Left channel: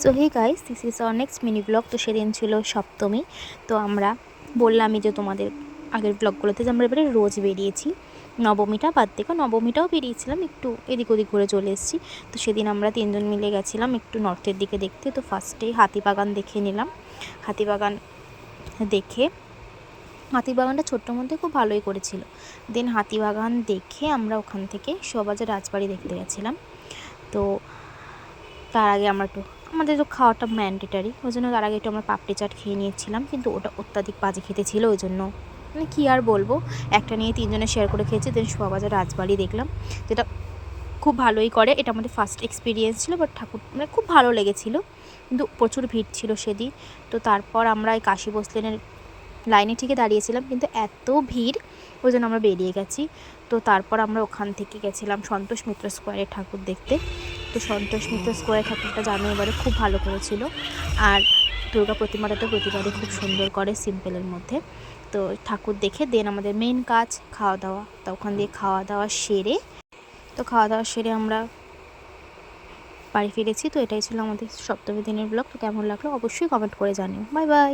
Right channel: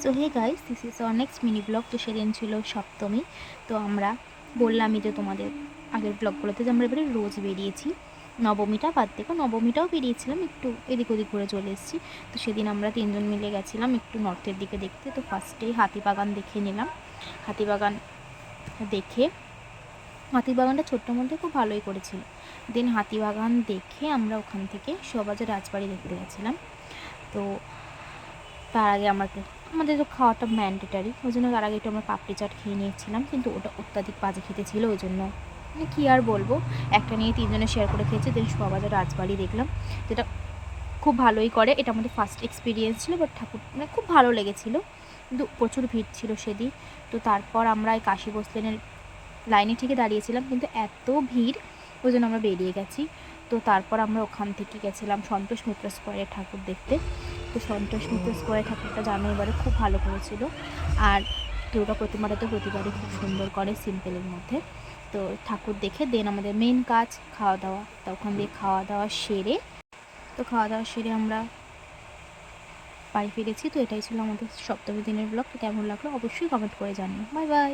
So hey guys, this is our next mini blog. তো সেদিন ছিল সপ্তমী। তো আমরা বললামই যে তোমাদের আগের ব্লগগুলোতে যে আমরা এবারে রোজ বেরিয়েছি, নবমীটা বাদ থেকে। নবমীটাও বেরিয়েছিলাম, একটু এদিক ওদিক ঘুরে চলে এসেছি। তো সেদিন আমরা তিনজন মিলে গেছিলাম একটু নর্থের দিকে দেখতে। তো ফার্স্টেই হাতিবাগান দেখে নিলাম। হাতিবাগান দেখে, হাতিবাগানটা ছোট্ট মধ্যে খুব ভালোই করেছিল। দেন হাতিবাগান দেখে আমরা ওখান থেকে শোভাবাজার রাজবাড়ি দেখতে গেছিলাম। তো তার আগে আমরা একটু, আমাদের তো খাওয়াটা ম্যান্ডেটারি, ওই জন্য তার আগে একটু আমরা পাপড়ি চাট খেয়ে নিয়েছিলাম, কিন্তু ওটা অত্যাধিক বাজে খেতে ছিল। ওই জন্য মানে কী আর বলবো, একটা নিয়ে তিনজনে শেয়ার করে খেয়েছি। দেন শোভাবাজার রাজবাড়ি দেখলাম, যেটা খুব ভালোই করে। এটা আমাদের ফার্স্ট এক্সপিরিয়েন্স ছিল, বাট ঠাকুর মানে খুব ভালো লেগেছিলো, কিন্তু প্রচুর ভিড় ছিল সেদিন। তো তারপর আমরা এই কাশী বসলেনের লাইনে ঠিকই দাঁড়িয়েছিলাম, কিন্তু এত ভিড়, ওই জন্য আমরা বেরিয়ে গেছি। তো তারপর আমরা ওখান থেকে গেছিলাম সন্তোষ মিত্র স্কোয়ারে ঠাকুর দেখতে। তো সন্তোষ মিত্র স্কোয়ারে ঠাকুরটা জানো এবারে খুব ভালো করেছিল। আর দুর্গা প্রতিমাটা তো প্রতিবারই খুব সুন্দর করে সিম্পলের মধ্যে। তো ঠাকুর দেখে দেন আমাদের মেন কাজ খাওয়া দাওয়া। তো ওখান দিয়ে খাওয়া দাওয়া সেরে আমরা বাড়ি ফিরেছি। তো এটাই ছিল আমাদের সপ্তমী দিনের ব্লগ। তো কেমন লাগলো অবশ্যই কমেন্ট করে জানিও। Bye bye.